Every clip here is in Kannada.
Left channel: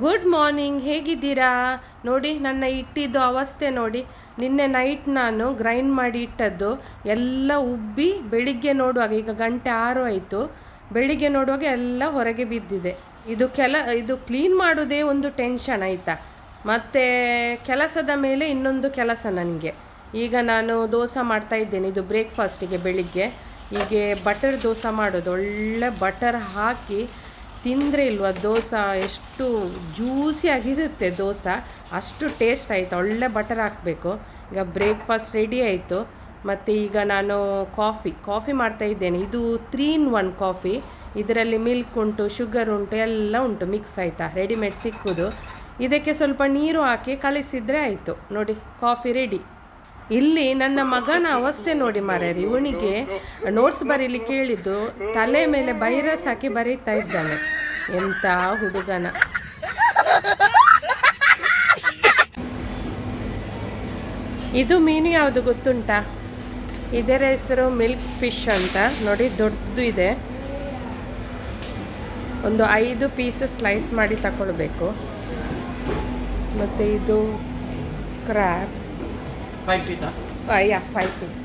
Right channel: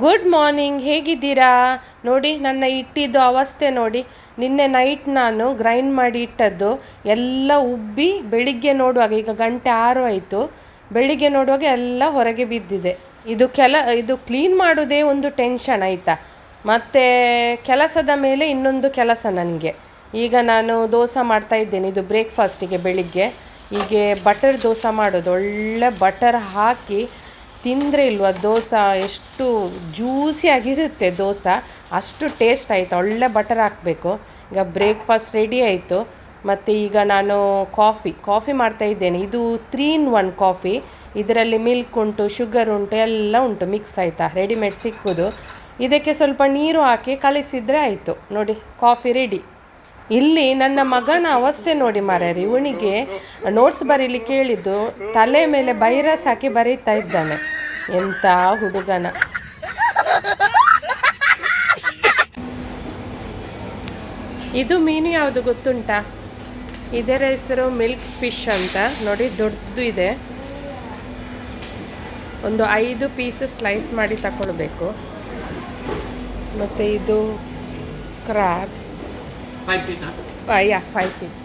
ಗುಡ್ ಮಾರ್ನಿಂಗ್ ಹೇಗಿದ್ದೀರಾ? ನೋಡಿ, ನನ್ನ ಇಟ್ಟಿದ್ದು ಅವಸ್ಥೆ ನೋಡಿ. ನಿನ್ನೆ ನೈಟ್ ನಾನು ಗ್ರೈಂಡ್ ಮಾಡಿ ಇಟ್ಟದ್ದು ಎಲ್ಲ ಉಬ್ಬಿ ಬೆಳಿಗ್ಗೆ ನೋಡುವಾಗ, ಈಗ ಗಂಟೆ ಆರು ಆಯಿತು. ಬೆಳಿಗ್ಗೆ ನೋಡುವಾಗ ಎಲ್ಲ ಹೊರಗೆ ಬಿದ್ದಿದೆ. ಇದು ಕೆಲ, ಇದು ಕ್ಲೀನ್ ಮಾಡೋದೇ ಒಂದು ಟೆನ್ಷನ್ ಆಯಿತಾ? ಮತ್ತು ಕೆಲಸದ ಮೇಲೆ ಇನ್ನೊಂದು ಕೆಲಸ ನನಗೆ. ಈಗ ನಾನು ದೋಸೆ ಮಾಡ್ತಾ ಇದ್ದೇನೆ, ಇದು ಬ್ರೇಕ್ಫಾಸ್ಟಿಗೆ ಬೆಳಿಗ್ಗೆ. ಹೀಗೆ ಬಟರ್ ದೋಸೆ ಮಾಡೋದು, ಒಳ್ಳೆ ಬಟರ್ ಹಾಕಿ ತಿಂದರೆ ಇಲ್ವಾ ದೋಸೆ? ಎಷ್ಟು ಜ್ಯೂಸಿಯಾಗಿರುತ್ತೆ ದೋಸೆ. ಅಷ್ಟು ಟೇಸ್ಟ್ ಆಯಿತು. ಒಳ್ಳೆ ಬಟರ್ ಹಾಕಬೇಕು. ಈಗ ಬ್ರೇಕ್ಫಾಸ್ಟ್ ರೆಡಿ ಆಯಿತು. ಮತ್ತು ಈಗ ನಾನು ಕಾಫಿ ಕಾಫಿ ಮಾಡ್ತಾ ಇದ್ದೇನೆ. ಇದು ತ್ರೀ ಇನ್ ಒನ್ ಕಾಫಿ ಇದರಲ್ಲಿ ಮಿಲ್ಕ್ ಉಂಟು ಶುಗರ್ ಉಂಟು, ಎಲ್ಲ ಉಂಟು. ಮಿಕ್ಸ್ ಆಯಿತಾ? ರೆಡಿಮೇಡ್ ಸಿಕ್ಕುದು. ಇದಕ್ಕೆ ಸ್ವಲ್ಪ ನೀರು ಹಾಕಿ ಕಲಿಸಿದರೆ ಆಯಿತು. ನೋಡಿ ಕಾಫಿ ರೆಡಿ ಇಲ್ಲಿ ನನ್ನ ಮಗನ ಅವಸ್ಥೆ ನೋಡಿ ಮಾರ್ಯಾರಿ ಇವನಿಗೆ ನೋಟ್ಸ್ ಬರೀಲಿ ಕೇಳಿದ್ದು ತಲೆ ಮೇಲೆ ಬೈರಸ್ ಹಾಕಿ ಬರೀತಾ ಇದ್ದಾನೆ. ಎಂಥ ಹುಡುಗನ. ಇದು ಮೀನು ಯಾವುದು ಗೊತ್ತುಂಟಾ? ಇದರ ಹೆಸರು ಮಿಲ್ಕ್ ಫಿಶ್ ಅಂತ. ನೋಡಿ ದೊಡ್ಡದು ಇದೆ. ಒಂದು ಐದು ಪೀಸ್ ಸ್ಲೈಸ್ ಮಾಡಿ ತಗೊಳ್ಬೇಕು ಮತ್ತು ಇದು crab? Yeah five piece.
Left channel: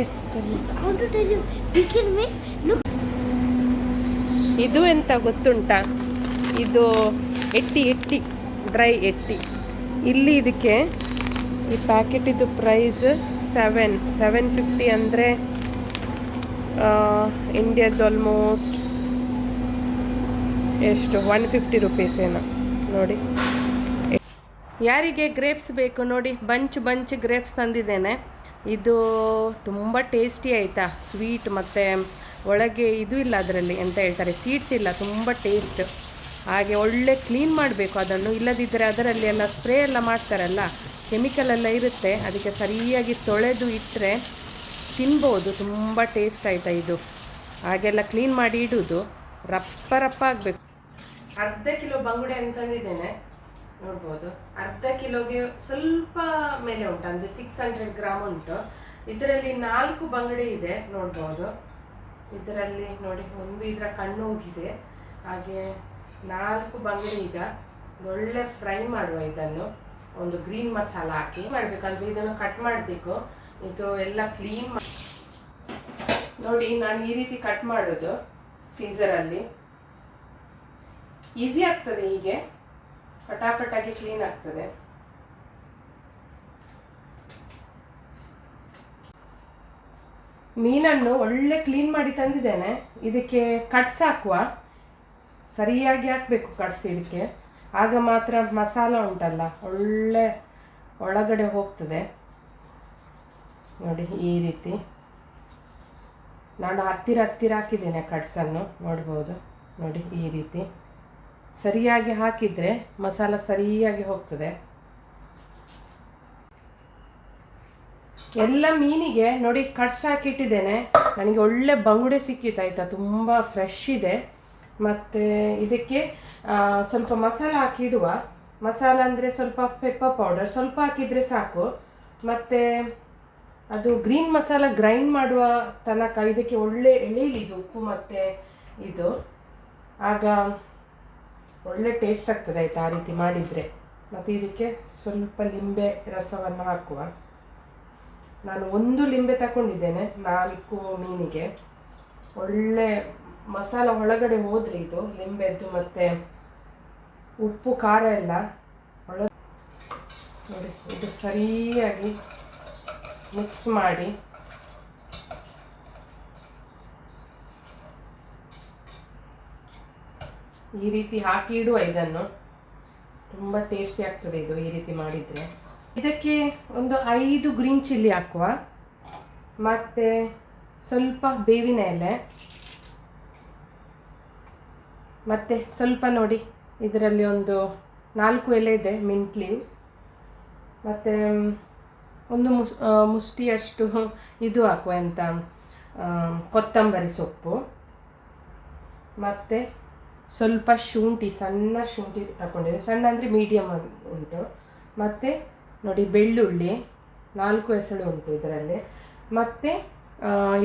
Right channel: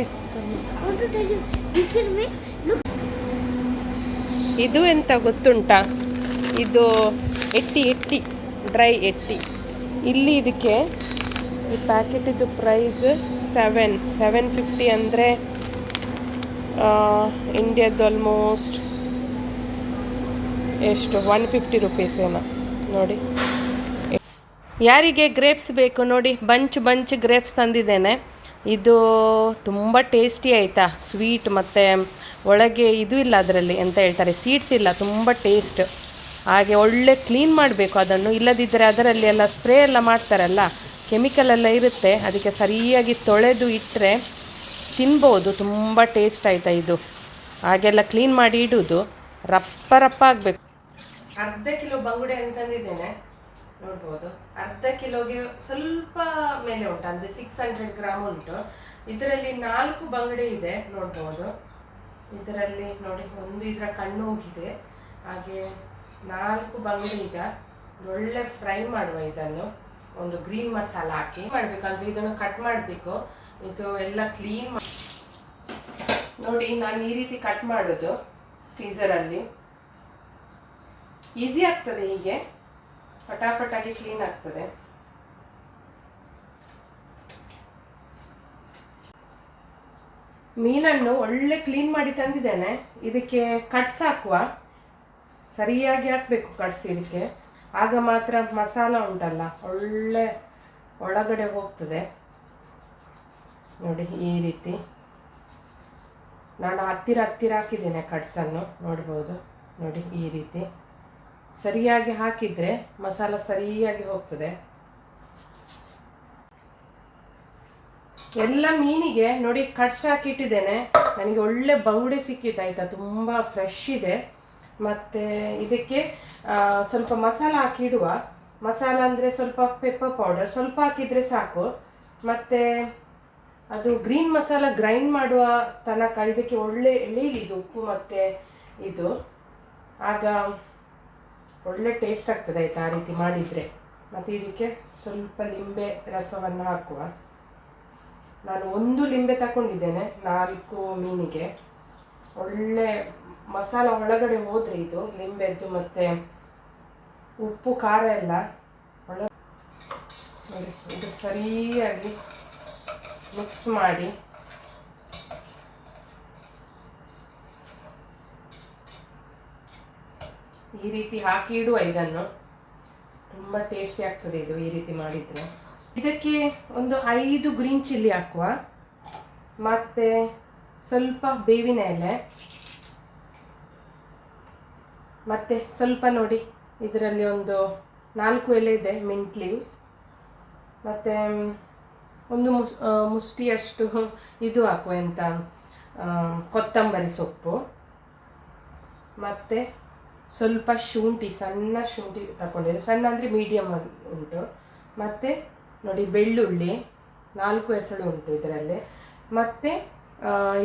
Yes ಇದು ಎಂತ ಗೊತ್ತುಂಟಾ? ಇದು ಎಟ್ಟಿ ಎಟ್ಟಿ, ಡ್ರೈ ಎಟ್ಟಿ. ಇಲ್ಲಿ ಇದಕ್ಕೆ ಈ ಪ್ಯಾಕೆಟಿದು ಪ್ರೈಸ್ ಸೆವೆನ್ ಸೆವೆನ್ ಫಿಫ್ಟಿ ಅಂದರೆ ಇಂಡಿಯಾದ್ದು ಆಲ್ಮೋಸ್ಟ್ ಎಷ್ಟು? ಒನ್ ಫಿಫ್ಟಿ ರುಪೀಸ್ ಏನೋ. ನೋಡಿ. ಯಾರಿಗೆ ಗ್ರೇಪ್ಸ್ ಬೇಕು ನೋಡಿ ಬಂಚ್ ಬಂಚ್ ಗ್ರೇಪ್ಸ್ ತಂದಿದ್ದೇನೆ. ಇದು ತುಂಬ ಟೇಸ್ಟಿ ಆಯಿತಾ? ಸ್ವೀಟ್ ಮತ್ತು ಒಳಗೆ ಇದು ಇಲ್ಲ ಅದರಲ್ಲಿ ಅಂತ ಹೇಳ್ತಾರೆ. ಸೀಡ್ಸ್ ಇಲ್ಲ, ತುಂಬ ಟೇಸ್ಟ್ ಹಾಗೆ ಒಳ್ಳೆ ಕ್ಲೀನ್ ಮಾಡಬೇಕು ಅದನ್ನು. ಇಲ್ಲದಿದ್ದರೆ ಅದರಲ್ಲಿ ಎಲ್ಲ ಸ್ಪ್ರೇ ಎಲ್ಲ ಮಾಡ್ತಾರಲ್ಲ ಕೆಮಿಕಲ್ ಎಲ್ಲ ಇರುತ್ತೆ. ಅದಕ್ಕೆ ಸರಿಯಾಗಿ ತೊಳೆದು ಇಟ್ಟರೆ ತಿನ್ಬೋದು. ತುಂಬ ಟೇಸ್ಟ್ ಆಯಿತಾ ಇದು. ಹಾಗೆಲ್ಲ ಕ್ಲೀನ್ ಮಾಡಿ ಇಡುವುದು ರಪ್ಪ ರಪ್ಪ ಆಗಬೇಕು. ಅರ್ಧ ಕಿಲೋ ಬಂಗುಡೆ ಅಂತ ತಂದಿದ್ದೇನೆ ನೋಡ್ಬೋದು. ಅರ್ಧ ಕಿಲೋಗೆ ಸ್ವಲ್ಪ ಮೇಲೆ ಉಂಟು, ಅಂದರೆ ಸಿಕ್ಸ್ ಹಂಡ್ರೆಡ್ ಗ್ರಾಮ್ ಉಂಟು. ಇದರಲ್ಲಿ ನಾಲ್ಕು ಬಂಗಡೆ ಇದೆ, ನೋಡ್ಬೋದು. ಇದರಲ್ಲಿ ನೋಡಿ, ಒಂದು ಇದರ ಕಣ್ಣು ಹೋಗಿದೆ. ಹಾಗೆ ನಾಲ್ಕು ಬಂಗಡೆ ಈಗ. ಒಳ್ಳೆ ಫ್ರೈ ಮಾಡುವ ಇದನ್ನು. ಒಂದು ಗ್ರೀನ್ ಮಸಾಲ ಹಾಕಿ ಮಾಡಬೇಕಂದ್ರೆ ಇದನ್ನು ಕಟ್ ಮಾಡಬೇಕು. ಇದು ಎಲ್ಲ ಕ್ಲೀನ್ ನೋಡಿ, ನಾನು ಈ ರೀತಿ ಕಟ್ ಮಾಡೋದು ಸೀಸರಲ್ಲಿ ಈಸಿ ಆಗ್ತದೆ ಹೀಗೆ. ಫಟಾಫಟಾಗಿ ಕ್ಲೀನ್ ಆಗ್ತದೆ. ಮೀನನ್ನು ಒಳ್ಳೆ ಕ್ಲೀನ್ ಮಾಡಿ ತಂದಿದ್ದೇನೆ. ಇದಕ್ಕೆ ಕಟ್ಸ್ ಹಾಕುವ. ಸರಿಯಾಗಿ ಹಾಕಬೇಕು ಕಟ್ಸ್ ಇದಕ್ಕೆ. ಆಗ ಮಾತ್ರ ಮಸಾಲ ಉಂಟಲ್ಲ, ಒಳ್ಳೆ ಒಳಗಡೆ ಹೋಗ್ತದೆ. ನೋಡಿ ಈ ರೀತಿ. ನಾನು ಹತ್ತಿರ ಹತ್ತಿರ ಹಾಕಿದ್ದೇನೆ ಕಟ್ಸನ್ನು ನೋಡ್ಬೋದು. ನೋಡಿ ಈ ರೀತಿ. ಸರಿಯಾಗಿ ಹಾಕಿದರೆ ಮಸಾಲ ಸರಿಯಾಗಿ ಹೋಗ್ತದೆ. ಎಲ್ಲ ಮೀನಿಗೆ ನೋಡಿ ಕಟ್ಸ್ ಹಾಕಿಟ್ಟಿದ್ದೇನೆ ನನಗೆ ಒಳ್ಳೆ ಬಂಗುಡೆ ಸಿಕ್ಕಿತ್ತು, ಆಯಿತಾ? ತುಂಬ ಫ್ರೆಶ್ ಇದೆ. ಮತ್ತು ಇದಕ್ಕೆ ಸ್ವಲ್ಪ ಮಸಾಲ ಹಾಕಿಡುವ ಮಸಾಲ ಅಂದರೆ ಸ್ವಲ್ಪ ಪೆಪ್ಪರ್ ಪೌಡರ್ ಸ್ವಲ್ಪ ಹಾಕಿದರೆ ಸಾಕು. ಮತ್ತು ಅದು ಗ್ರೀನ್ ಮಸಾಲ ಗ್ರೈಂಡ್ ಮಾಡುವ ತನಕ ಇದಕ್ಕೆ ಒಳ್ಳೆ ಎಳೆಯಲಿದು ಉಪ್ಪು ಮತ್ತು ಇದು. ಆಗ ಒಳ್ಳೆ ಟೇಸ್ಟ್ ಆಗ್ತದೆ ಆಯ್ತು ಆ ರೀತಿ ಮಾಡಿದರೆ. ಮತ್ತು ಇದಕ್ಕೆ ಸ್ವಲ್ಪ ಲಿಂಬೆ ರಸವನ್ನು ಹಾಕುವ. ನಾನು ಒಂದು ಲಿಂಬೆ ತಗೊಂಡಿದ್ದೇನೆ ನಾಲ್ಕು ಮೀನಿಗೆ. ಒಳ್ಳೆ ಮಸಾಲ ಒಳಗಡೆ ಹೋದರೆ ಇದು, ಲಿಂಬೆದ್ದು ಮತ್ತು ಉಪ್ಪು, ಖಾರ ಎಲ್ಲ ಒಳ್ಳೆ ನೋಡಿ, ಇದು ಸರಿಯಾಗಿ ಮಿಕ್ಸ್ ಮಾಡಿ. ಈ ರೀತಿ ಹಾಕಿ ಇಡುವ ಇದನ್ನು. ತುಂಬ ಟೇಸ್ಟಿ ಆಗ್ತದೆ ಇದು ಈ ರೀತಿ ಮಾಡಿದರೆ. ಇದಕ್ಕೆ ಒಂದು ಐದು ಗ್ರೀನ್ ಚಿಲ್ಲಿ ಹಾಕುವ. ಮತ್ತು ಸ್ವಲ್ಪ ಬೇವಿನ ಎಲೆ. ಮತ್ತು ಸ್ವಲ್ಪ ನೋಡಿ, ಇದರಲ್ಲಿ ಒಂದು ನಾಲ್ಕು ಎಲೆ ಇದೆ ಮಿಂಟ್ ಲೀವ್ಸ್ ಮತ್ತು ಒಂದು ಮುಸ್ ಮುಷ್ಟಿಯಷ್ಟು ಇದು ಹಾಕುವ ಎಂತ ಕೊತ್ತಂಬರಿ ಸೊಪ್ಪು. ಮತ್ತು ಸ್ವಲ್ಪ ಶುಂಠಿ, ಸಣ್ಣ ಶುಂಠಿ ತಗೊಂಡಿದ್ದೆ ಸಣ್ಣ ಅಂದರೆ ಮೀಡಿಯಮ್ ಉಂಟು. ಮತ್ತು ನೋಡಿ ಬೆಳ್ಳುಳ್ಳಿ, ನಾಲ್ಕು ಹೆಸಳು ಉಂಟು ಇದರಲ್ಲಿ. ಮತ್ತು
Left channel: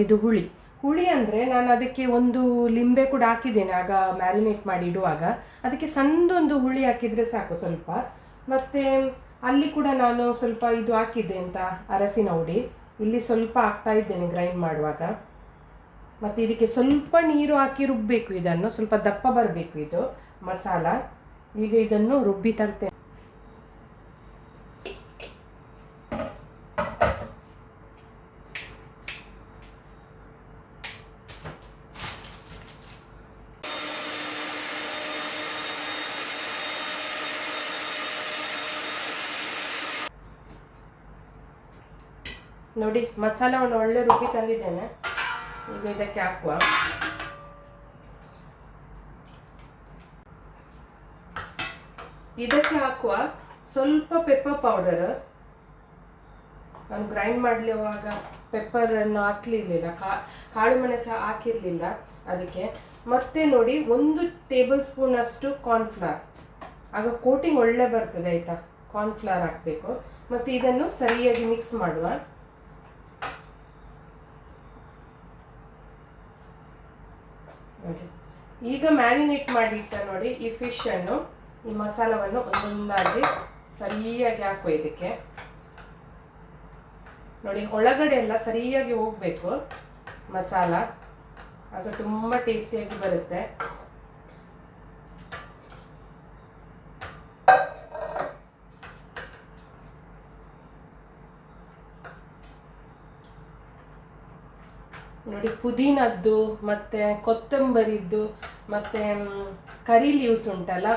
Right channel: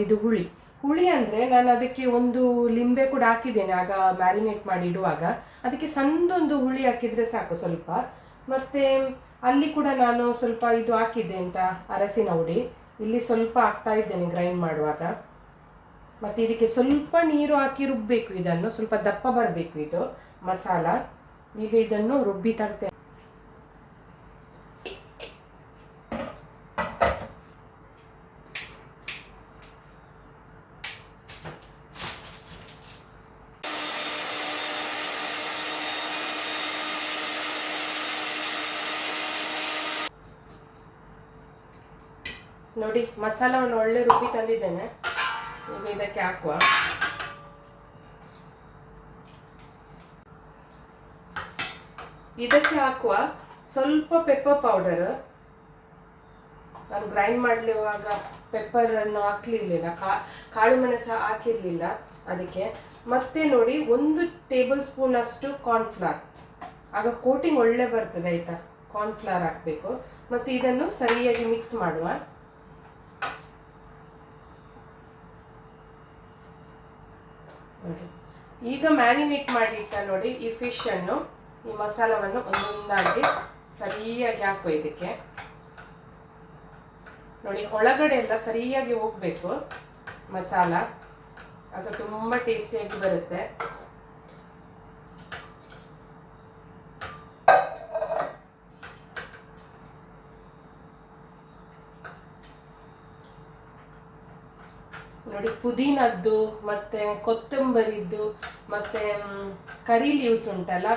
ಇದು ಹುಳಿ. ಹುಳಿ ಅಂದರೆ ನಾನು ಅದಕ್ಕೆ ಒಂದು ಲಿಂಬೆ ಕೂಡ ಹಾಕಿದ್ದೇನೆ. ಆಗ ಮ್ಯಾರಿನೇಟ್ ಮಾಡಿ ಇಡುವಾಗ. ಅದಕ್ಕೆ ಸಣ್ಣದೊಂದು ಹುಳಿ ಹಾಕಿದರೆ ಸಾಕು ಸ್ವಲ್ಪ. ಮತ್ತು ಅಲ್ಲಿ ಕೂಡ ನಾನು ಸ್ವಲ್ಪ ಇದು ಹಾಕಿದ್ದೆ ಅಂತ ಅರಸಿನ ಹುಡಿ. ಇಲ್ಲಿ ಸ್ವಲ್ಪ ಹಾಕ್ತಾ ಇದ್ದೇನೆ ಗ್ರೈಂಡ್ ಮಾಡುವಾಗ. ಮತ್ತು ಇದಕ್ಕೆ ಸ್ವಲ್ಪ ನೀರು ಹಾಕಿ ರುಬ್ಬಬೇಕು ಇದನ್ನು. ಸ್ವಲ್ಪ ದಪ್ಪ ಬರಬೇಕು ಇದು. ಮಸಾಲ. ಈಗ ಇದನ್ನು ರುಬ್ಬಿ ತರ್ತೇನೆ ನೋಡಿ, ಮಸಾಲವನ್ನು ಒಳ್ಳೆ ರುಬ್ಬಿ ತಂದಿದ್ದೇನೆ. ಇದಕ್ಕೆ ಹಾಕುವ ಇದಕ್ಕೆ ಹಾಕುವ ಸ್ವಲ್ಪ ಪೆಪ್ಪರ್ ಪೌಡರ್ ನಾನು ಗ್ರೈಂಡ್ ಮಾಡಲಿರುವಾಗ ಪೆಪ್ಪರನ್ನು ಹಾಕಲಿರಲಿಲ್ಲ. ಕಾಳು ಮೆಣಸು ಹಾಕಿರಲಿಲ್ಲ ಅದಕ್ಕೆ. ಮತ್ತೆ ನೋಡಿ ಒಂದು ಟೇಬಲ್ ಸ್ಪೂನ್ ಅಷ್ಟು ಕಾರ್ನ್ಫ್ಲವರ್ ಆಗ ಕೋಟಿಂಗ್ ಒಳ್ಳೆ ಬರ್ತದೆ ಆಯ್ತಾ? ಕಾರ್ನ್ಫ್ಲವರ್ ಹಾಕಬೇಕು. ಮತ್ತು ಇದನ್ನು ಸರಿಯಾಗಿ ಮಿಕ್ಸ್ ಮಾಡುವ. ನೋಡಿ ಈಗ ಮ್ಯಾರಿನೇಟ್ ಮಾಡಿಟ್ಟ ನೋಡಿ ಈ ಫಿಶ್ ಅನ್ನು, ಈ ಮಸಾಲವನ್ನು ಒಂದೊಂದಾಗಿ ಸರಿಯಾಗಿ ಹಾಕುವ ಇದಕ್ಕೆ. ನೋಡಿ ಒಳಗಡೆ ಎಲ್ಲ ಸರಿಯಾಗಿ ಹೋಗ್ಬೇಕು ಮಸಾಲ. ಆಗ ತುಂಬ ಟೇಸ್ಟಿಯಾಗಿ ಬರುತ್ತೆ. ನೋಡಿ, ಪುದೀನದ್ದು ಮತ್ತೆ ಕೊತ್ತಂಬರಿದ್ದು ಮತ್ತೆ ಕರಿ ಲೀವ್ಸ್ ಉಂಟಲ್ಲ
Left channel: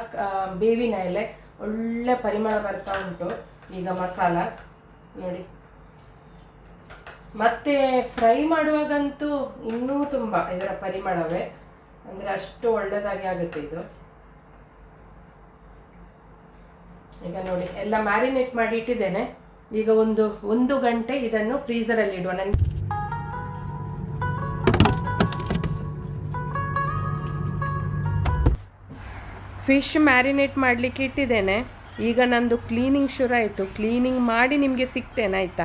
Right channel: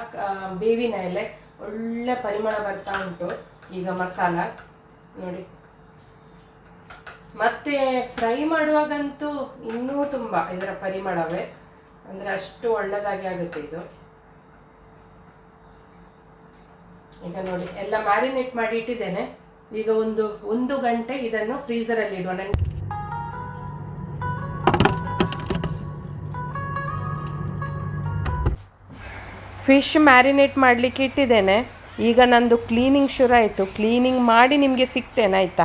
ಬೇವಿನ ಎಲೆ, ಒಳ್ಳೆ ಪರಿಮಳ ಬರ್ತಾ ಉಂಟು ಈಗ ಮಸಾಲ. ನೋಡಿ. ಮತ್ತೆ ಫ್ರೈ ಮಾಡುವಾಗಂತೂ ಇನ್ನೂ ತುಂಬ ಇದರ ಪರಿಮಳವೇ. ಅಂದರೆ ಅಷ್ಟು ಒಳ್ಳೆದಾಗಿ ಆಗುತ್ತೆ ಇದು. ಈಗ ನೋಡಿ, ಎಲ್ಲ ಮ್ಯಾರಿನೇಟ್ ಮಾಡಿ ಇಟ್ಟಿದ್ದೇನೆ. ಈಗ ಒಂದು ಒಂದು ಗಂಟೆ ಇದನ್ನು ಫ್ರೀಸರಲ್ಲಿ ಇಡುವ. ನನಗೆ ಫಿಶ್ ಮ್ಯಾರಿನೇಟ್ ಮಾಡಲಿಕ್ಕೆ ಇಟ್ಟಿದ್ದೇನೆ. ಈಗ ನಂದು ಕ್ಲೀನಿಂಗ್ ಶುರು ಆಯಿತು. ಕ್ಲೀನಿಂಗ್ ಮಾಡಿ ನಿಮಗೆ ಸಿಗ್ತೇನೆ ಆಯಿತಾ?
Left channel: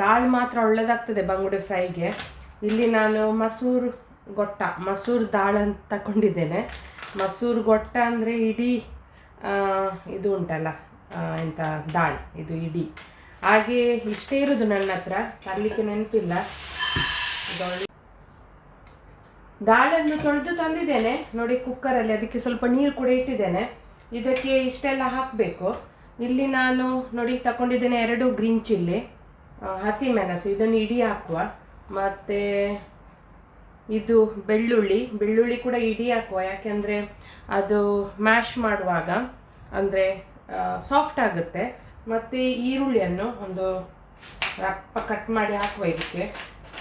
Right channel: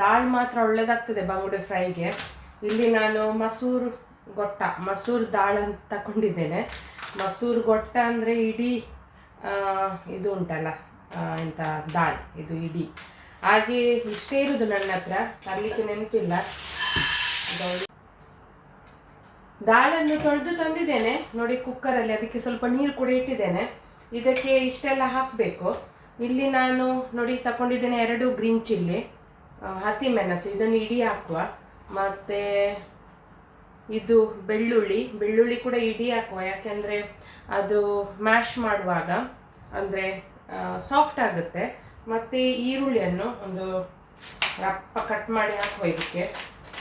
ದಾಲ್ ಮಾತ್ರ ಒಳ್ಳೇದಾಗ್ತದೆ ಬಂಗುಡೆ ಫ್ರೈಗೆ. ಇಲ್ಲಿ ನಾನು ಮಸೂರ್ ಗೊಟ್ಟ, ಮಸೂರ್ ದಾಳ್ ಅಂತ ತಗೊಂಡಿದ್ದೇನೆ. ಮಸೂರ್ ಗೊಟ್ಟ ಅಂದರೆ ಇಡೀ ಇದು ಉಂಟಲ್ಲ ಎಂಥ ದಾಳ್ ಇದು ಇಡೀ. ಹಾಗೆ ಇಷ್ಟೇ ಇರೋದು ನನ್ನ ಹತ್ರ, ತರಲಿಕ್ಕೆ ನೆನಪಿಲ್ಲ. ದಾಳನ್ನು ತೊಳೆದು ತಂದಿದ್ದೇನೆ, ನೋಡಿ ಕುಕ್ಕರಲ್ಲಿ ಅದಕ್ಕೆ ಸ್ವಲ್ಪ ನೀರು ಕೂಡ ಇಟ್ಟಿದ್ದೇನೆ. ಇದಕ್ಕೆ ಇಷ್ಟೆಲ್ಲ ಹಾಕಬೇಕು. ಇಲ್ಲಿ ನಾನು, ನೋಡಿ, ತಗೊಂಡಿದ್ದೇನೆ ಎರಡು ಗ್ರೀನ್ ಚಿಲ್ಲಿ. ಹಸಿಮೆಣಸು ಇದನ್ನು ಇಡಿ ಹಾಕುವ. ಮತ್ತು ಇದು ಬೆಳ್ಳುಳ್ಳಿ ಬೆಳ್ಳುಳ್ಳಿ ಕೂಡ ಇಡಿ ಹಾಕುವ. ಯಾಕೆಂದರೆ ಅದು ಮ್ಯಾಶ್ ಮಾಡುವಾಗ ಅಂದರೆ ಸಾಫ್ಟ್ ಆಗುತ್ತೆ. ಮತ್ತು ಈರುಳ್ಳಿಯನ್ನು ಒಂದು ರಪ್ಪ ಕಟ್ ಮಾಡಿ ಹಾಕುವ ಇದಕ್ಕೆ.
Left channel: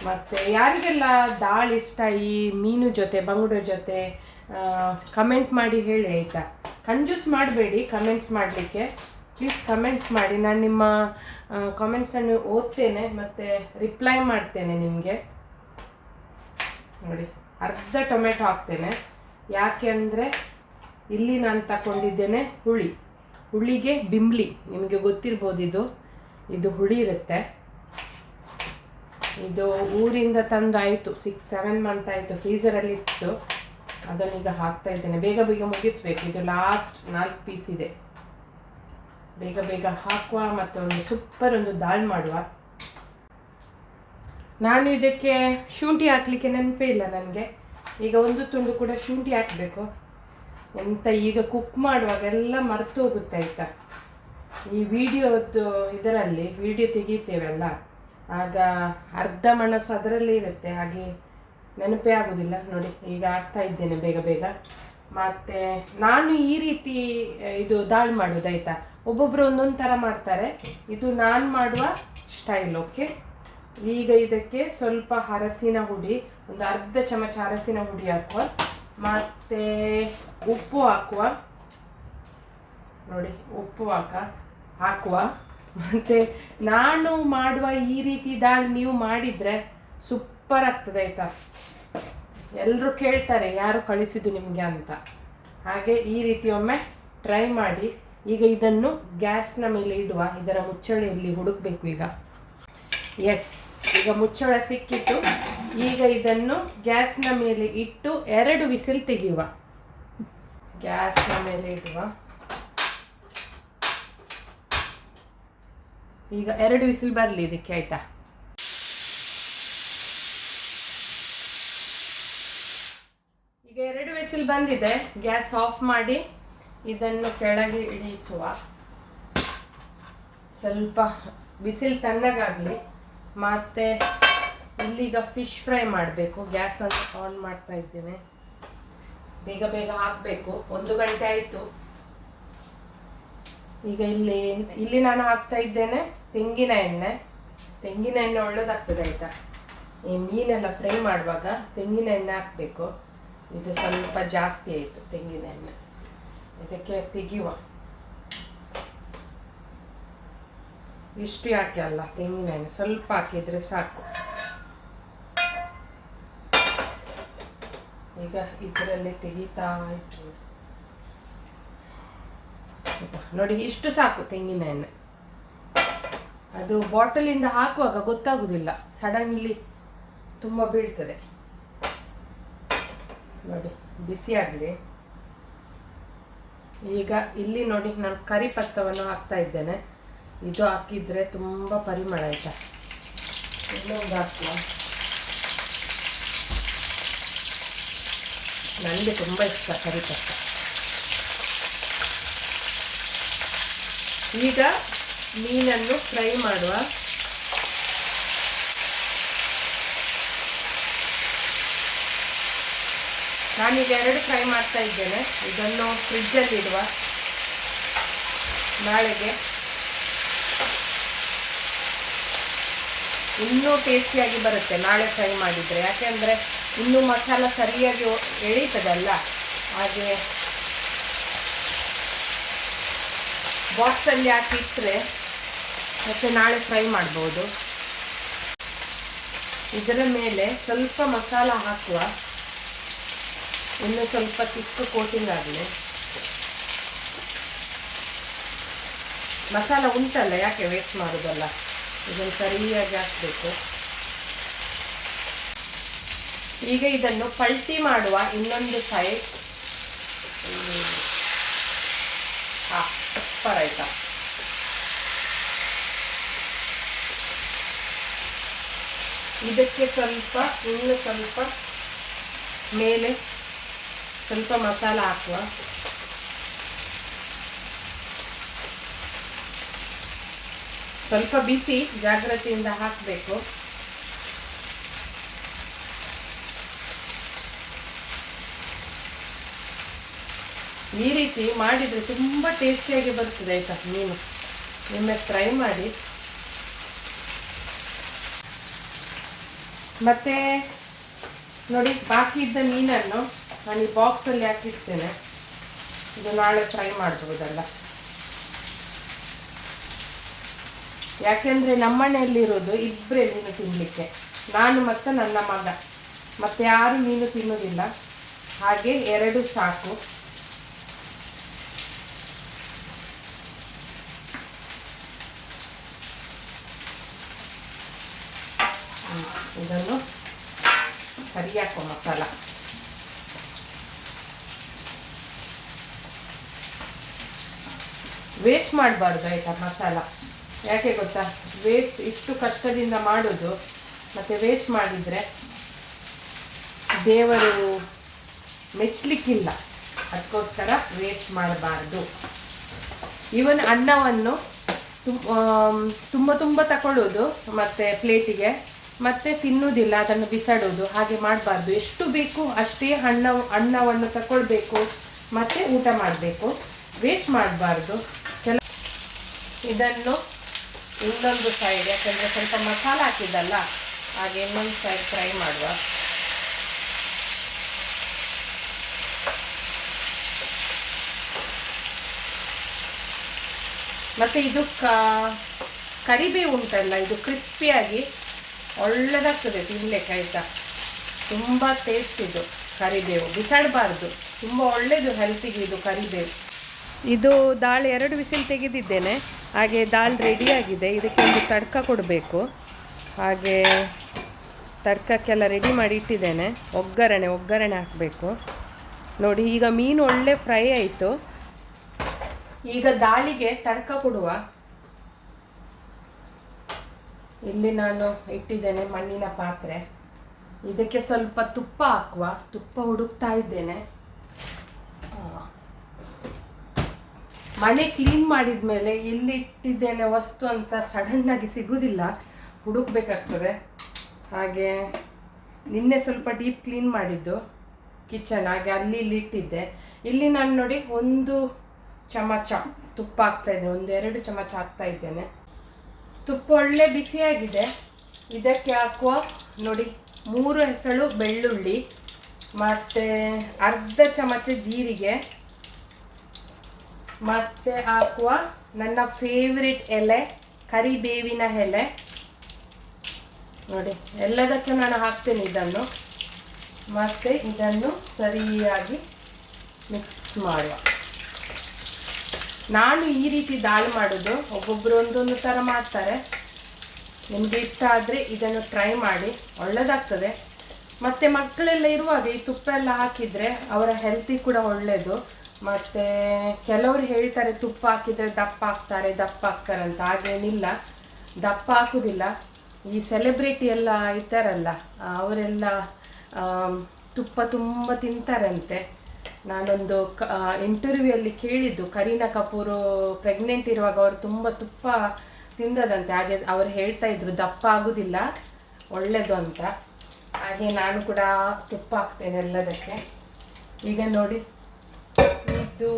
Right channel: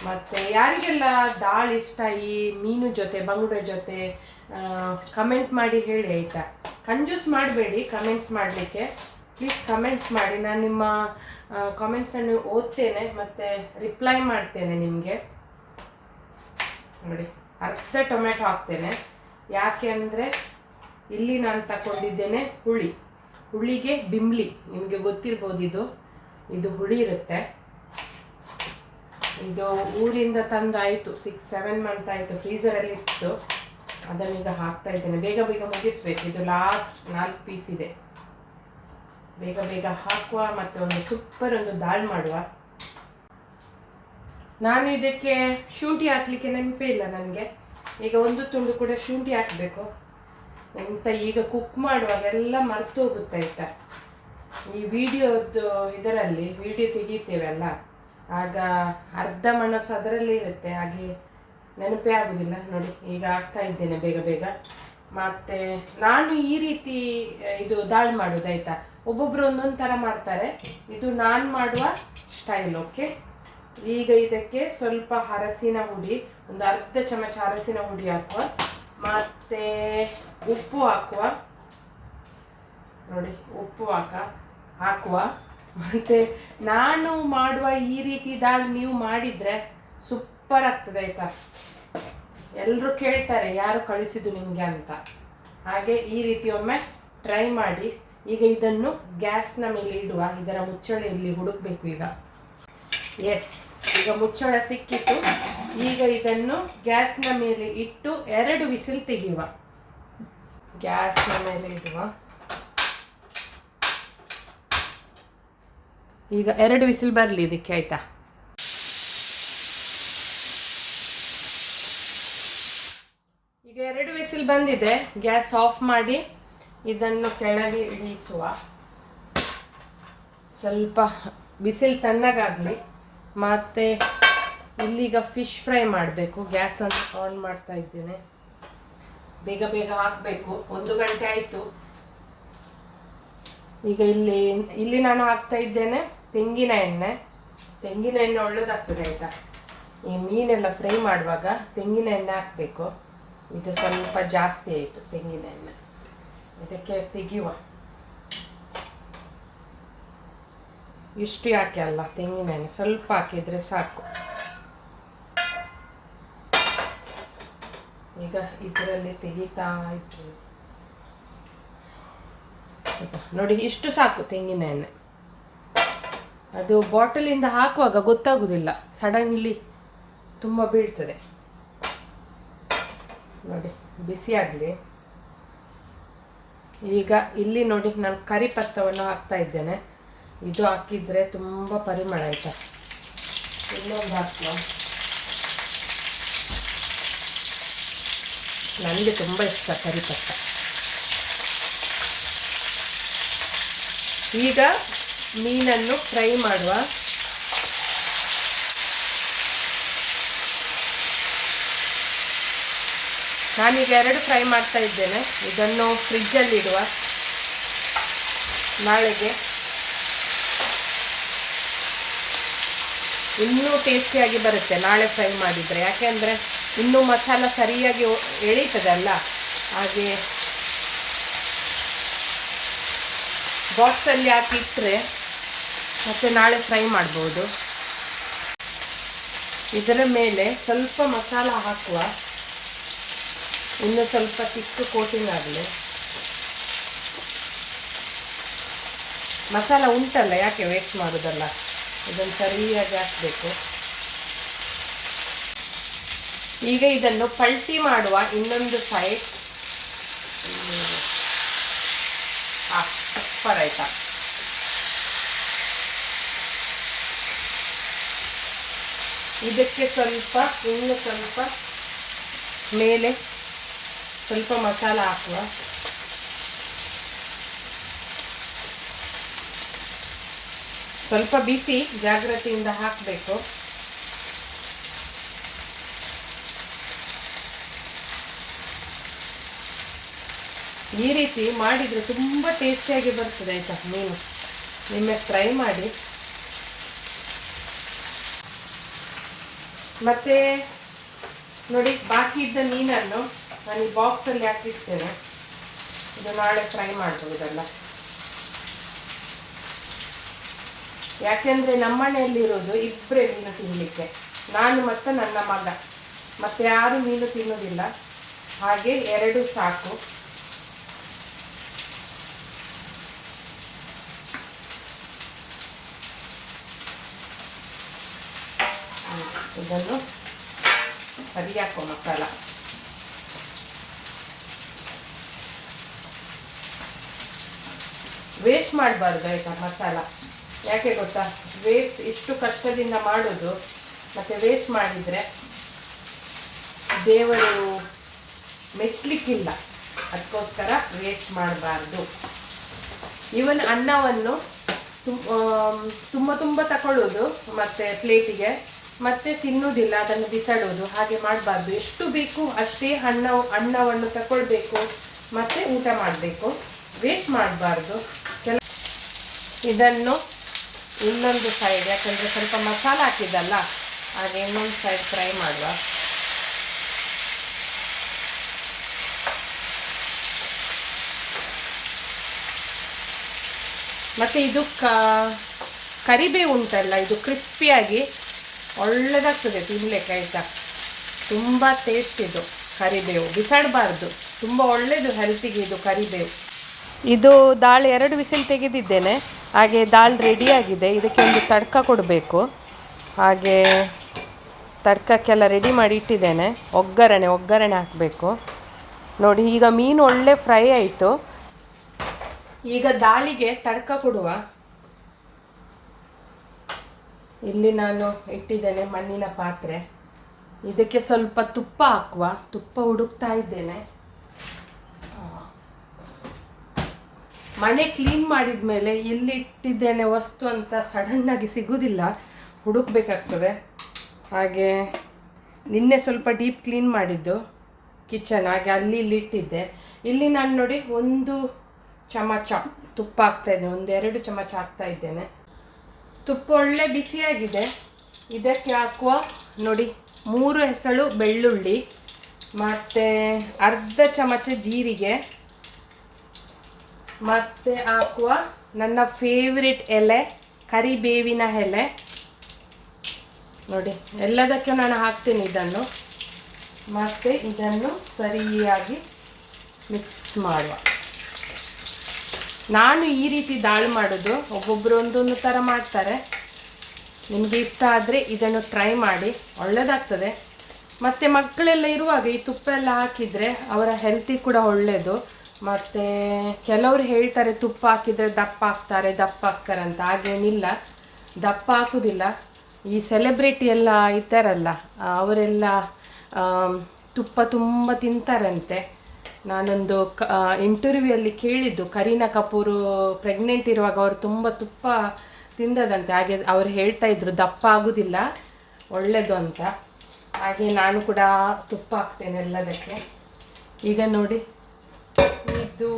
ಮತ್ತು ಯಾರಿಗೆಲ್ಲ ದಾಲ್ ಇಷ್ಟ, ಈ ಮೀನು ಜೊತೆ, ಬಂಗುಡೆ ಜೊತೆ ಕಮೆಂಟ್ ಮಾಡಿ ಹೇಳಿ, ಆಯಿತಾ? ಕಂಜೂಸ್ ಮಾಡಬೇಡಿ ಕಮೆಂಟ್ಸ್ ಮಾಡಲಿಕ್ಕೆ. ಪ್ಲೀಸ್ ಕಮೆಂಟ್ಸ್ ಮಾಡಿ. ನಾನು ನಿಮ್ಮ ಕಾಮೆಂಟ್ಸನ್ನು ಓದ್ತೇನೆ, ಮತ್ತು ರಿಪ್ಲೈ ಮಾಡ್ತೇನೆ ನಿಮಗೆ. ನೋಡಿ, ಅರ್ಧ ಟೊಮೆಟೊ ಹಾಕ್ತೇನೆ. ಯಾಕೆ ಅಂದರೆ, ಇಲ್ಲಿ ನಾನು ತಗೊಂಡಿದ್ದೇನೆ ಹುಳಿ. ಹುಳಿಗೆ ಬಿಂಬ್ಲಿ, ನಿಮಗೆ ಗೊತ್ತಿರ್ಬೋದು ಇದು. ಇದು ಹುಳಿ ಇರುತ್ತೆ. ಇದು ಊರಿಂದ ತಂದಾಯಿತು ಸಿಕ್ಸ್ ಸೆವೆನ್ ಮಂತ್ ಆಯಿತು ಫ್ರೀಸರಲ್ಲಿ ಇತ್ತು ಅದನ್ನೀಗ ಹಾಕ್ತಾ ಇದ್ದೇನೆ. ಬೇಗ ಬೇಗ ಮುಗಿಸ್ಬೇಕು. ಇದು ಲಾಸ್ಟ್ ನಾಲ್ಕು ಪೀಸ್ ಇದೆ. ಬೇಗ ಬೇಗ ಹಾಕುವ ಮತ್ತು ಒಂದು ಸೂಪರ್ ಒಂದು ದಾಲ್ ಮಾಡುವ. ನಾನು ಇದಕ್ಕೆ ಶುಂಠಿ ಹಾಕ್ಲಿಕ್ಕೆ ನೆನಪೇ ಇಲ್ಲ ನನಗೆ. ಈಗ ಒಂದು ತುಂಡು ಕೂಡ ಶುಂಠಿ ಹಾಕಬೇಕು. ಎಂತ ಈಗ ಕುಕ್ ಮಾಡುವಾಗ ಎಲ್ಲ ಮರೆತು ಹೋಗುತ್ತೆ ಆಯ್ತಾ ಈ ವಿಡಿಯೋದ್ದು ಇದರಲ್ಲಿ, ವಿಡಿಯೋ ತೆಗಿತೇವಲ್ಲ, ಆಗ ಅರ್ಧ ಮನಸ್ಸು ಅದರಲ್ಲೇ ಇರುತ್ತೆ. ಹಾಗೆ ನೆನಪೇ ಆಗೋದಿಲ್ಲ. ನೋಡಿ, ಈಗ ಆಗ್ತಾ ಇದ್ದೇನೆ ಬೇಗ ಬೇಗ. ಮತ್ತು ನಾನು ಈ ರೀತಿ, ಇದು ದಾಲ್ ಮಾಡೋದು ಆಯಿತಾ? ಒಬ್ಬೊಬ್ಬರು ಒಂದೊಂದು ಥರ ಮಾಡ್ತಾರೆ. ಇದು ನಾನು ಮಾಡುವ ಸ್ಟೈಲ್ ಓಕೆ ಈಗ ಇದಕ್ಕೆ ಸ್ವಲ್ಪ ಹರಸಿನ ಹುಡಿ, ಒಂದು ಅರ್ಧ ಚಮಚ ಹರಸಿನ ಹುಡಿ ಹಾಕುವ. ಮತ್ತು ಉಪ್ಪು ಹಾಕುವ. ನೋಡಿ, ಉಪ್ಪು ಹಾಕ, ಹಾಕುವ. ಮತ್ತು ನಾನು ಮಾಡುವ ಈ ರೀತಿ ದಾಲ್ ನೀವು ಮಾಡಿದರೆ ಸೂಪರ್ ಆಗ್ತದೆ, ಆಯಿತಾ? ಎಲ್ಲರೂ ಕೇಳ್ತಾರೆ, ಯಾರು ಕಳಿಸಿದ್ದು ನಿಮಗೆ ಅಂತ. ಹಾಗೆ ಈ ರೀತಿ ಒಮ್ಮೆ ಟ್ರೈ ಮಾಡಿ. ಈಗ ಇದನ್ನು ಗ್ಯಾಸ್ನ ಮೇಲೆ ಇಡುವ, ಇದರ ಮುಚ್ಚಳೆಯಲ್ಲಿ ಹುಡುಕಬೇಕು ಈಗ. ಎಸ್ ಈಗ ಮುಚ್ಚಳ ಸಿಕ್ಕಿತು. ಈಗ ಇದನ್ನು ಗ್ಯಾಸ್ನ ಮೇಲೆ ಇಟ್ಟು ಎರಡು ವಿಸಿಲ್ ತೆಗೆಯುವ. ಗ್ಯಾಸ್ನ ಮೇಲೆ ಇಡುವ. ಈಗ ಎರಡು ವಿಸಿಲ್ ಬರಲಿ ಇದಕ್ಕೆ, ಆಯ್ತಾ? ಈಗ ಎರಡು ವಿಸಿಲ್ ಬಂದಿದೆ. ಗ್ಯಾಸ್ ಆಫ್ ಮಾಡಿ. ಇದನ್ನು ಕೆಳಗೆ ಇಳಿಸುವ. ಸ್ವಲ್ಪ ಬಿಸಿಲು ತಣ್ಣಗಾಗಲಿ. ಮತ್ತೆ ಇಲ್ಲಿಗ ಫಿಶ್ ಫ್ರೈ ಮಾಡಬೇಕು. ಗ್ಯಾಸನ್ನು ಆನ್ ಮಾಡ್ತಾ ಇದ್ದೇನೆ. ಬೇಗ ಬೇಗ ಹಾಕಬೇಕು. ಒಂದು ಗಂಟೆ ಆಯಿತು. ಈಗ ಇಲ್ಲಿ ಇಲ್ಲಿ ನಾನು ಹಾಕ್ತಾ ಇದ್ದೇನೆ ತೆಂಗಿನ ಎಣ್ಣೆ. ತೆಂಗಿನ ಎಣ್ಣೆ ಒಳ್ಳೇದಾಗ್ತದೆ ಆಯಿತಾ? ಈ ಮೀನೆಲ್ಲ ಫ್ರೈ ಮಾಡುವಾಗ ತೆಂಗಿನ ಎಣ್ಣೆ ಹಾಕಬೇಕು. ಇದು ಸ್ವಲ್ಪ ಜಾಸ್ತಿ ಆಯಿತು ತೆಂಗಿನ ಎಣ್ಣೆ. ಇದಕ್ಕೆ ತೆಗೆಯುವ. ಇಷ್ಟು ಯಾಕೆ ಅಲ್ಲ? ತೆಂಗಿನ ಎಣ್ಣೆ ಸ್ವಲ್ಪ ಹಾಕಿದರೆ ಸಾಕು. ಈಗ ಇದರಲ್ಲಿ ತೆಗಿತಾ ಇಟ್ಟು ನೋಡಿ, ಇಷ್ಟು ಸಾಕು ತೆಂಗಿನ ಎಣ್ಣೆ ಅದು ಬಾಟಲಿಂದ ಹಾಕುವಾಗ ಗೊತ್ತಾಗುದಿಲ್ಲ. ಸಡನ್ಲಿ ತುಂಬ ಬೀಳ್ತದೆ. ನೋಡಿ ಬಿಸಿ ಆಗಲಿ ಈಗ ಇಲ್ಲಿ ನೋಡಿ ನಾನು ಕರಿ ಪತ್ತವನ್ನು ಹಾಕ್ತಾ ಇದ್ದೇನೆ. ಇದು ಹಾಕಿದ್ರೆ ತುಂಬ ಪರಿಮಳ ಆಯಿತಾ? ಇನ್ನೊಂದು ಹಾಕುವ ನನಗೆ ತುಂಬ ಇಷ್ಟ ಕರಿಪತ್ತ ಈಗ ಮೀನನ್ನು ಫ್ರೈ ಮಾಡುವ ನಾನೀಗ ಎರಡು ಫ್ರೈ ಮಾಡ್ತಾ ಇದ್ದೇನೆ. ಇದನ್ನು ಫ್ರಿಜ್ಜಲ್ಲಿ ಇಡುವ ನಾಳೆಗೆ. ಇನ್ನೂ ಟೇಸ್ಟಿಯಾಗಿ ಬರುತ್ತೆ ನಾಳೆ ಫ್ರೈ ಮಾಡಿದರೆ. ಯಾಕೆಂದರೆ ಇನ್ನೂ ಮಸಾಲ ಸರಿಯಾಗಿ ಎಳೀತದಲ್ಲ. ಹಾಗೆ ಬಾಕ್ಸಲ್ಲಿ ಹಾಕಿ ಇಟ್ಟರೆ ಮತ್ತು ನಾಳೆ ಫ್ರೈ ಮಾಡ್ಬೋದು. ಇದರ ಮೇಲೆ ಸ್ವಲ್ಪ ಮಸಾಲ ಹಾಕುವ ಇನ್ನು ಸ್ವಲ್ಪ ಚಿಕ್ಕ ಕೋಟಿಂಗ್ ಆಗಲಿ. ಮಸಾಲ ಉಂಟಲ್ಲ, ಯಾಕೆ ವೇಸ್ಟ್ ಮಾಡೋದಲ್ಲ? ಇದನ್ನು ಸರಿಯಾಗಿ ಹಾಕಬೇಕು. ಈಗ ಇದನ್ನು ಪಲ್ಟಿ ಮಾಡುವ ಇನ್ನೊಂದು ಸೈಡ್ ಸೂಪರ್ ಆಯ್ತಾ? ಇದಕ್ಕೆ ಸ್ವಲ್ಪ, ಇನ್ನು ಸ್ವಲ್ಪ ಮೇಲೆ ಸ್ವಲ್ಪ ಮಸಾಲ ಹಾಕುವ ಸ್ವಲ್ಪ ಬಿಸಿ ಜಾಗ್ರತೆಯಿಂದ ಹಾಕಬೇಕು. ಈ ರೀತಿ ಮಾಡಿದರೆ ತುಂಬ ಟೇಸ್ಟಿಯಾಗಿ ಬರ್ತದೆ, ಆಯಿತಾ? ಮೀನು. ನಿಮ್ಮೆ ಫ್ರೈ ಮಾಡಿ. ಮತ್ತೆ ನೋಡಿ, ಬಾಕಿ ಇದ್ದ ಮೀನನ್ನು ನಾನು ಈ ಬಾಕ್ಸಲ್ಲಿ ಹಾಕಿರ್ತೇನೆ ಇದು ನಾಳೆ ಫ್ರೈ ಮಾಡ್ಬೋದಲ್ಲ ಯಾಕೆಂದರೆ ನಮ್ಮನೆಯಲ್ಲಿರೋದು ಇಬ್ಬರೇ ಮೀನು ತಿನ್ನಲಿಕ್ಕೆ ನಾನು ಮತ್ತು ನನ್ನ ಮಗ. ಮತ್ತೆ ಯಾರು ಮೀನು ತಿನ್ನೋದಿಲ್ಲ. ಹಾಗೆ ಎರಡು ಸಾಕು. ಇದನ್ನು ಸರಿ ಹಾಕೋ ಮಸಾಲ ವೇಸ್ಟ್ ಮಾಡಬಾರ್ದು ಆಯಿತಾ ಮಸಾಲ? ಯಾಕೆ ಗೊತ್ತಾ? ವೇಸ್ಟ್ ಇಷ್ಟು ಕಷ್ಟದಿಂದ ಮಾಡೋದು, ಮತ್ತು ವೇಸ್ಟ್ ಮಾಡಿದರೆ ದೇವರು ಮೆಚ್ಚಲಿಕ್ಕಿಲ್ಲ ಅದಕ್ಕೋಸ್ಕರ ವೇಸ್ಟ್ ಮಾಡಬಾರ್ದು. ಇವನ್ ಅನ್ನವನ್ನು ತುಂಬ ತುಂಬ ತಗೊಳ್ಳೋದು ಮತ್ತು ಪ್ಲೇಟಿಗೆ ಮತ್ತೆ ತಿನ್ನುವುದಿಲ್ಲ ಅದನ್ನು ಬಿಸಾಡೋದು, ಹಾಗೆ ಮಾಡಬಾರ್ದು. ಎಷ್ಟು ಬೇಕು ಅಷ್ಟೇ ಅನ್ನ ಅನ್ನವನ್ನು ತಗೊಳ್ಬೇಕು ಮತ್ತು ಊಟ ಮಾಡಬೇಕು. ವೇಸ್ಟ್ ಮಾಡಬಾರ್ದು. ಇದನ್ನು ಇನ್ನೊಂದು ಸೈಡ್ ಯಾಕಂದರೆ ಸ್ವಲ್ಪ ಮಸಾಲ ಹಾಕಿದ್ದಲ್ಲ, ಹಾಗೆ ಇನ್ನೊಂದು ಸೈಡ್ ಫ್ರೈ ಮಾಡುವ. ಮತ್ತು ಇದು ಕರಿಬೇವು ಉಂಟಲ್ಲ, ಇದು ಕ್ರಿಸ್ಪಿಯಾಗಿ ಒಳ್ಳೆಯದಾಗ್ತದೆ ತಿನ್ನಲಿಕ್ಕೆ ಆಯಿತಾ? ತುಂಬ ಟೇಸ್ಟ್ ಇದು ಕರಿಬೇವು. ಬಿಸಾಡಬಾರ್ದು. ತುಂಬ ಒಳ್ಳೆಯದು ಹೆಲ್ತಿಗೆ ಇದು ಕರಿಬೇವು. ಇದು ದಾಳಿ ಎರಡು ವಿಸಿಲ್ ತೆಗೆದಿದ್ದೇನೆ. ಹಾಗೆ ದಾಲ್ ರೆಡಿಯಾಗಿದೆ ಇದಕ್ಕೆ ಒಂದು ತಡ್ಕ ಕೊಡಬೇಕು. ಹಾಗೆ ತಡ್ಕಕ್ಕೆಲ್ಲ ರೆಡಿ ಮಾಡಿ ಇಟ್ಟಿದ್ದೇನೆ. ಒಗ್ಗರಣೆ ಒಗ್ಗರಣೆ ಹಾಕಬೇಕು. ನೋಡಿ, ಈಗ ಮೀನು ಒಳ್ಳೆ ಫ್ರೈ ಆಯಿತು. ಈಗ ದಾಳಿಗೆ ತಡ್ಕ ಕೊಡುವ. ಇಲ್ಲಿ ನಾನು ಇಟ್ಟಿದ್ದೇನೆ ಮಣ್ಣಿನ ಪಾತ್ರೆ. ಇದಕ್ಕೆ ಸ್ವಲ್ಪ ತುಪ್ಪ ಹಾಕುವ. ತುಪ್ಪ ಹುಡುಕ್ತಾ ಇದ್ದೇನೆ. ಮನೆ ಕ್ಲೀನ್ ಮಾಡಿದ ಮೇಲೆ ಎಲ್ಲಿ ಇಟ್ಟಿದ್ದೇನೆ ವಸ್ತು ಅಂತ ಸಡನ್ ಆಗಿ ಸಿಗುವುದಿಲ್ಲ ಹುಡುಕ್ಬೇಕಾಗ್ತದೆ. ಹಾಗೆ ನಿನ್ನೆ ಸ್ವಲ್ಪ ಡೀಪ್ ಕ್ಲೀನ್ ಮಾಡಿದ್ದು ಕಿಚನ್ ಹಾಗೆ ಅಲ್ಲಿ ಇಲ್ಲಿ ಇಟ್ಟಿದ್ದೆ. ಇಲ್ಲಿ ನಾನು ನೋಡಿ ಒಂದು ಚಮಚ ತುಪ್ಪ ಹಾಕ್ತಾ ಇದ್ದೇನೆ ಒಂದೆರಡು ಚಮಚ ಹಾಕ್ತಾ ಇದ್ದೇನೆ. ತುಪ್ಪ ಒಳ್ಳೆ ಬಿಸಿಯಾಗಿದೆ. ಇದಕ್ಕೆ ಹಾಕುವ ನೋಡಿ ಮೂರು ಹೆಸಳು ಬೆಳ್ಳುಳ್ಳಿ, ಮತ್ತು ಅರ್ಧ ಚಮಚ ಜೀರಿಗೆ ಮತ್ತು ಹಾಕುವ ನನ್ನ ಫೇವ್ರೆಟ್ ಎಲೆ, ಕರಿಬೇವಿನ ಎಲೆ. ನೋಡಿ, ಎಲ್ಲದಕ್ಕೆ ನಾನು ಹಾಕ್ತೇನೆ ಇದನ್ನು. ಮತ್ತೆ ಇದನ್ನು ಸರಿಯಾಗಿ ಮಿಕ್ಸ್ ಮಾಡುವ. ನಾನು ಈ ರೀತಿ ದಾಲ್ ಮಾಡೋದು ಒಬ್ಬೊಬ್ಬರು ಒಂದೊಂದು ಥರ ಮಾಡ್ತಾರೆ. ನಿಮಗೆ ಇಷ್ಟ ಆದರೆ ಇದನ್ನು ಟ್ರೈ ಮಾಡಿ ಒಳ್ಳೆಯದಾಗ್ತದೆ ಮತ್ತು ಮಕ್ಕಳೆಲ್ಲ ಇರುವಾಗ ಈ ತುಪ್ಪ ಎಲ್ಲ ಹಾಕಿದರೆ ಅವರ ಹೆಲ್ತಿ ಕೂಡ ಒಳ್ಳೆಯದು ಮತ್ತು ಕೆಲವರು ಹೇಳ್ತಾರೆ ತುಪ್ಪ ಹಾಕಿದರೆ ದಪ್ಪ ಹಾಕ್ತಾರೆ ದಪ್ಪ ಹಾಕ್ತಾರೆ ಅಂತ, ಹಾಗೇನಿಲ್ಲ. ದಪ್ಪ ಹಾಕೋದಿಲ್ಲ. ಈ ಸೆಲೆಬ್ರಿಟಿ ಎಲ್ಲ ಇದ್ದಾರಲ್ಲ, ಅವರೆಲ್ಲ ತುಪ್ಪ ತುಂಬ ತಿಂತಾರಂತೆ. ನಾನೊಂದು ಕ ಇಂಟರ್ವ್ಯೂಯಲ್ಲಿ ಕೇಳಿದ್ದು. ಕರೀನಾ ಕಪೂರು ಪ್ರೆಗ್ನೆಂಟ್ ಇರುವಾಗ ಅವರು ತುಂಬ ತುಪ್ಪ ತಿಂದದಂತೆ. ಹಾಗೆ ಅವ್ರು ಹೇಳ್ತಾ ಇದ್ರು, ದಪ್ಪ ಆಗೋದಿಲ್ಲ ಒಳ್ಳೆಯದು ಅಂತ. ಹಾಗೆ ನಾನು ಕೂಡ ತುಪ್ಪ ಹಾಕ್ತೇನೆ ಎಲ್ಲದಕ್ಕೆ. ಈಗ ನೋಡಿ. ಇದು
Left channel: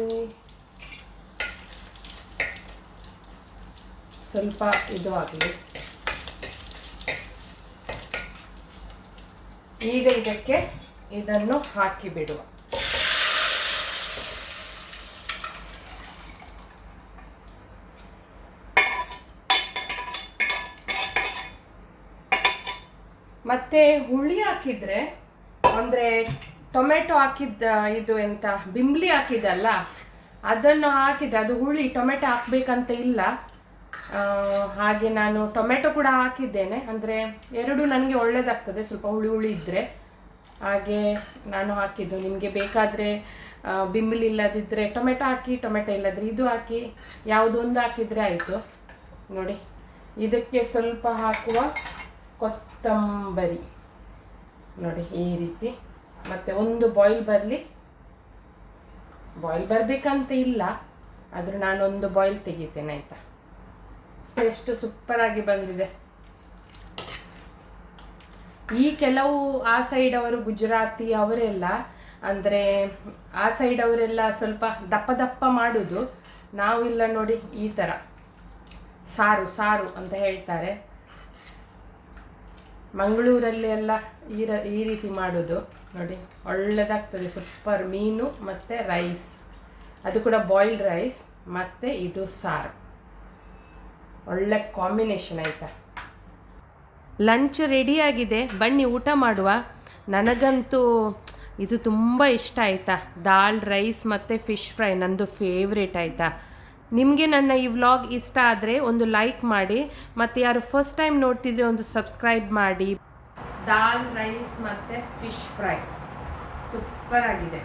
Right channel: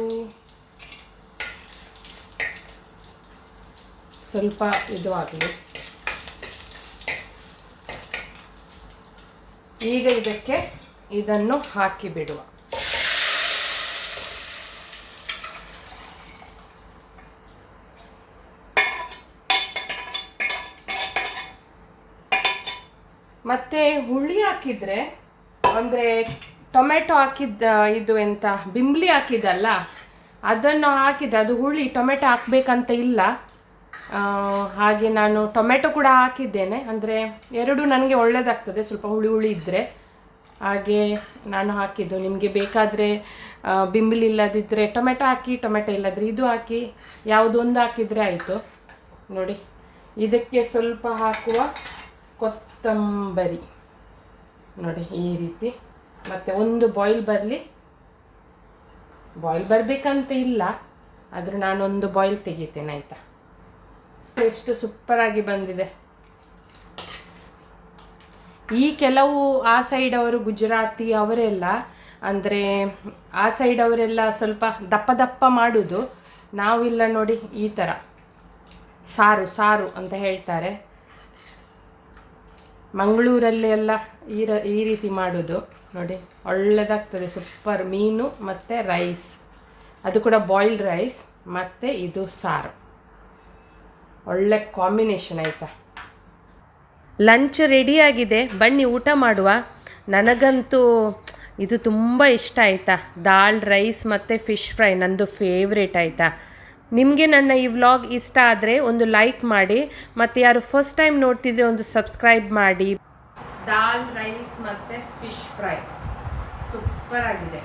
ಸ್ವಲ್ಪ ಇದು ಆಗಲಿ ಈಗ ಇದಕ್ಕೆ ಇದನ್ನು ಹಾಕಿ ಬಿಡುವ. ಮತ್ತೆ ಹುಳಿ ಹಾಕಿದ್ರೆ ಅಂದ್ರೆ ಟೊಮೆಟೊ ಹಾಕಿದ್ದ, ಇದು ಎಂತ, ಬಿಂಬ್ಲಿ ಹಾಕಿದಲ್ಲ ಅದನ್ನು ಹಾಕಿದ್ರೆ ಅದು ಹುಳಿ, ಟೊಮೆಟೊ ಹಾಕ್ಬೇಕಂತ ಇಲ್ಲ. ಹಾಗೆ ನಾನು ಟೊಮೆಟೊ ಕೂಡ ಹಾಕಿದ್ದೇನೆ. ಅಂದರೆ ಎರಡು ನನಗೆ ಒಳ್ಳೆಯದಾಗ್ತದೆ ಸ್ವಲ್ಪ ಹುಳಿ ಹುಳಿ ಇದ್ದರೆ ಹಾಗೆ ನಾನು ಹಾಕಿದ್ದು. ನಿಮಗೆ ಬೇಕಾದರೆ ಬಿಂಬಲಿ ಇಲ್ಲದಿದ್ದರೆ ಟೊಮೆಟೊ ಹಾಕಿ, ಟೊಮೆಟೊ ಇಲ್ಲದ್ರೆ ಇದು ಹಾಕಿ, ಯಾವುದೊಂದು ಹಾಕಿದರೆ ಆಯಿತು. ನೋಡಿ, ಇದಕ್ಕೆ ಸ್ವಲ್ಪ ಹಾಕುವ ಕೊತ್ತಂಬರಿ. ನೋಡಿ, ಈ ರೀತಿ. ಮತ್ತು ಒಂದು ಬಾಯ್ಲ್ ಬರಲಿ. ಬಾಯ್ಲ್ ಬರಬೇಕಂತ ಇಲ್ಲ, ಆದರೂ ನಾನೊಂದು ಬಾಯ್ಲ್ ತೆಗಿತೇನೆ, ಆಯಿತಾ? ಎಷ್ಟು ಸೂಪರಾಗಿ ಬಂದಿದೆ. ಈ ಕೆಲವು, ಆ ಸೈಡ್ ಅವರು ಗುಜರಾತಿ ಅವರೆಲ್ಲ ಅಂದರೆ ಆ ಸೈಡ್ ಅವರೆಲ್ಲ ಸ್ವಲ್ಪ ದಪ್ಪ ದಪ್ಪ ಮಾಡೋದು. ನಾವಿಲ್ಲ ನೋಡಿ ಈ ಥರ ಸಾರು ಸಾರು ಅಂತ ಹೇಳ್ತಾರೆ. ಮಂಗಳೂರಲ್ಲಿ ಎಲ್ಲ ಈ ರೀತಿ ಮಾಡೋದು. ನೋಡಿ, ಒಳ್ಳೆದಾಗ್ತದೆ. ಸೂಪರ್ ಮೀನು ಮತ್ತು ರೈಸ್ ಅದು ಕೂಡ ಬಾಯ್ಲ್ಡ್ ರೈಸ್ ಮತ್ತು ಇದು ಸಾರು. ಒಳ್ಳೆ ಕಾಂಬಿನೇಷನ್ ಆಯಿತಾ? ಲಂಚ್ ರೆಡಿಯಾಗಿದೆ ಬನ್ನಿ, ಊಟ ಮಾಡುವ. ನನಗಂತೂ ಇದು ತುಂಬ ಇಷ್ಟ ಆಯಿತಾ. ದಾಲ್ ರೈಸ್ ಮತ್ತು ಫಿಶ್ ಫ್ರೈ ನಂದು ಫೇವ್ರೇಟ್ ಆಯಿತಾ. ನಿಮಗೆ ನನ್ನ ಈ ವ್ಲಾಗ್ ಇಷ್ಟ ಆದರೆ ಒಂದು ಲೈಕ್ ಮಾಡಿ. ಮತ್ತು ಯಾರು ಫಸ್ಟ್ ಟೈಮ್ ನೋಡ್ತಿದ್ರೆ ಒಂದು ಸಬ್ಸ್ಕ್ರೈಬ್ ಮಾಡಿ. ದಾಲ್ ರೈಸ್ ಮತ್ತು ಫಿಶ್ ಫ್ರೈ. ಸೂಪರ್ ಆಗಿದೆ.